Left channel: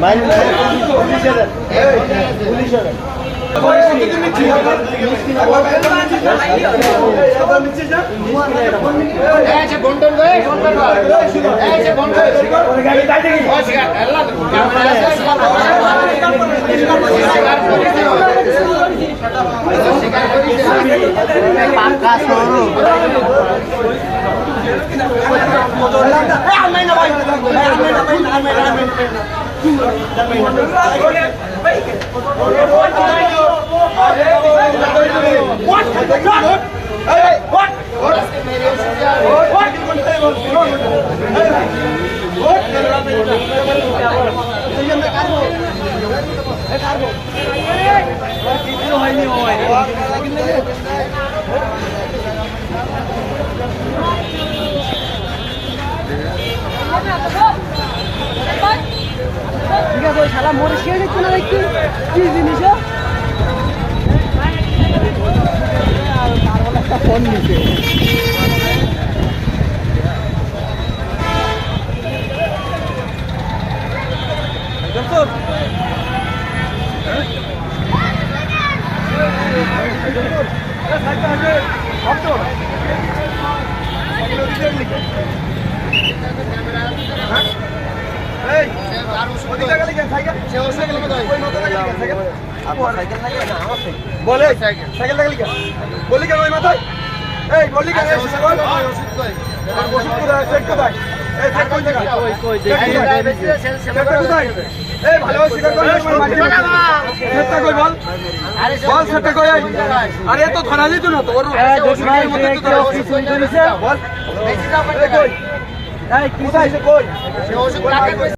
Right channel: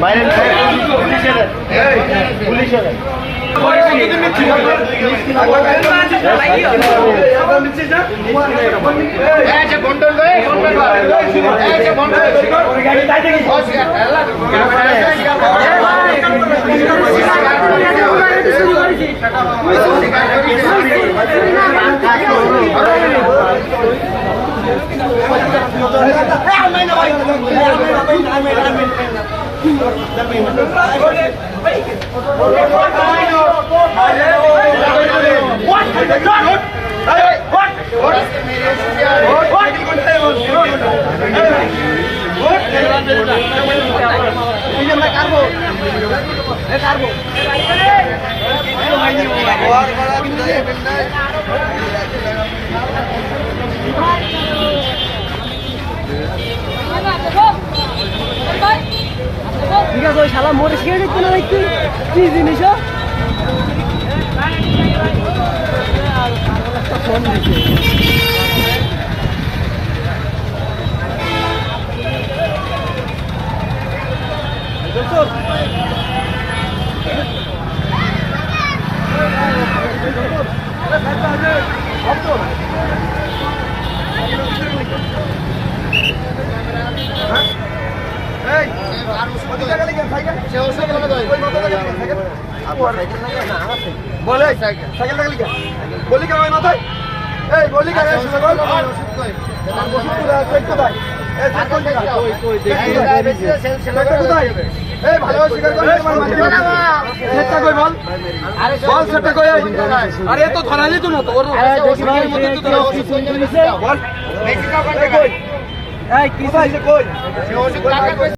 বাইরে পুলিশে দেন পুলিশে দেন ঠিক শালা মরে খেয়ে নিচ্ছে না একটু কি জিনিস ও? কম দিছে বলে সাইকেল লাগলি কেন বললি কেন ওই মাথায় এই বললি কেন ওষুধ কোথায় কোথায় বল বল আরে তো ধরা যেত না তো ওর ওষুধের মধ্যে তো ধরা বল এই কি কই